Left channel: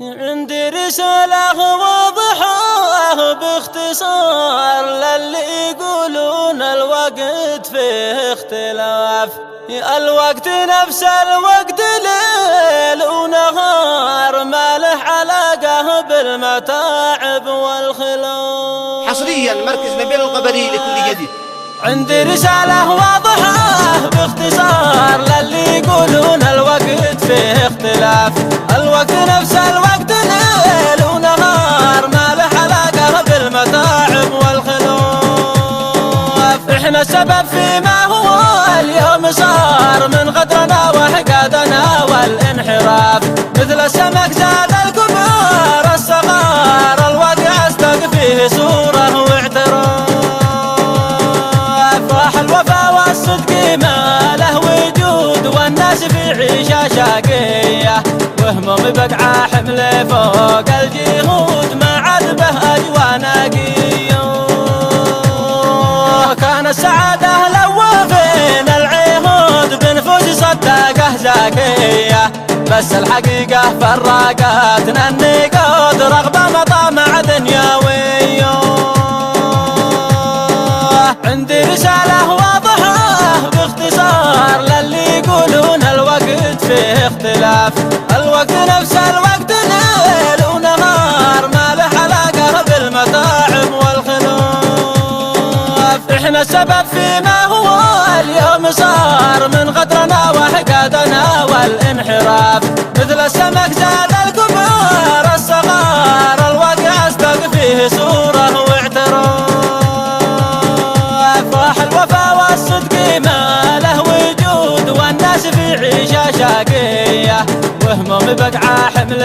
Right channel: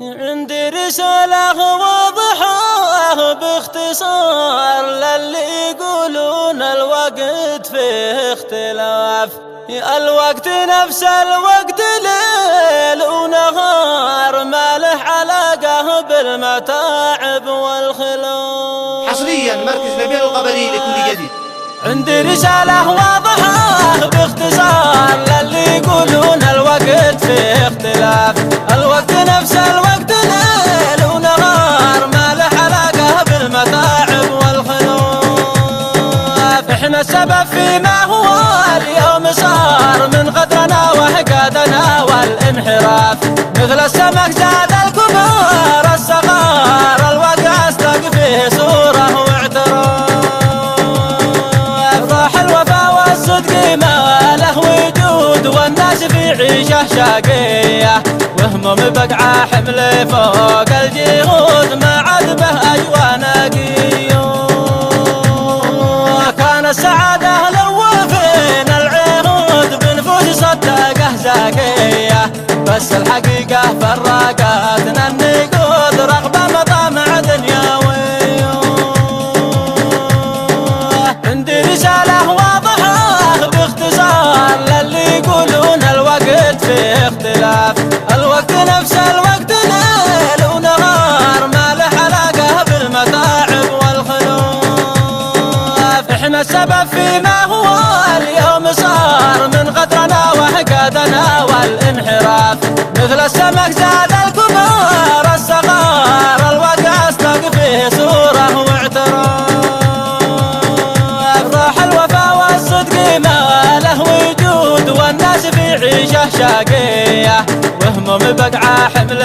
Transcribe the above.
عندي رسالة واضحة باختصار للي يقولون الوقت فيه اختلاف. الوقت نفس الوقت ليل ونهار، ما له علاقة بالمتاعب والخلاف. حصريا مركز نبيل القبلي لكل جديد. عندي رسالة واضحة باختصار للي يقولون الوقت فيه اختلاف. الوقت نفس الوقت ليل ونهار، ما له علاقة بالمتاعب والخلاف. احنا السبب فيما هو اليوم صار من غدرنا وحقادنا والانحراف. مثل السمك زاد القمر الصغار، الواقع استق فيه صورة واعتراف. فرح الوفا والصدق ما له وجود، والناس في عيشة شاقية، وهمهم بقعة حمل فوق الجهود، ما عاد به أجوى نقية. كان السعادة لوافين العمود بنفوس صدقه زكية، بس الحقيقة فرقتنا النقود رغم مطامع دنيوية. عندي رسالة واضحة باختصار للي يقولون الوقت فيه اختلاف. الوقت نفس الوقت ليل ونهار، ما له علاقة بالمتاعب والخلاف. احنا السبب فيما هو اليوم صار من غدرنا وحقادنا والانحراف. مثل السمك زاد القمر الصغار، الواقع استق فيه صورة واعتراف. راح الوفا والصدق ما له وجود، والناس في عيشة شاقية، وهمهم بقعة حمل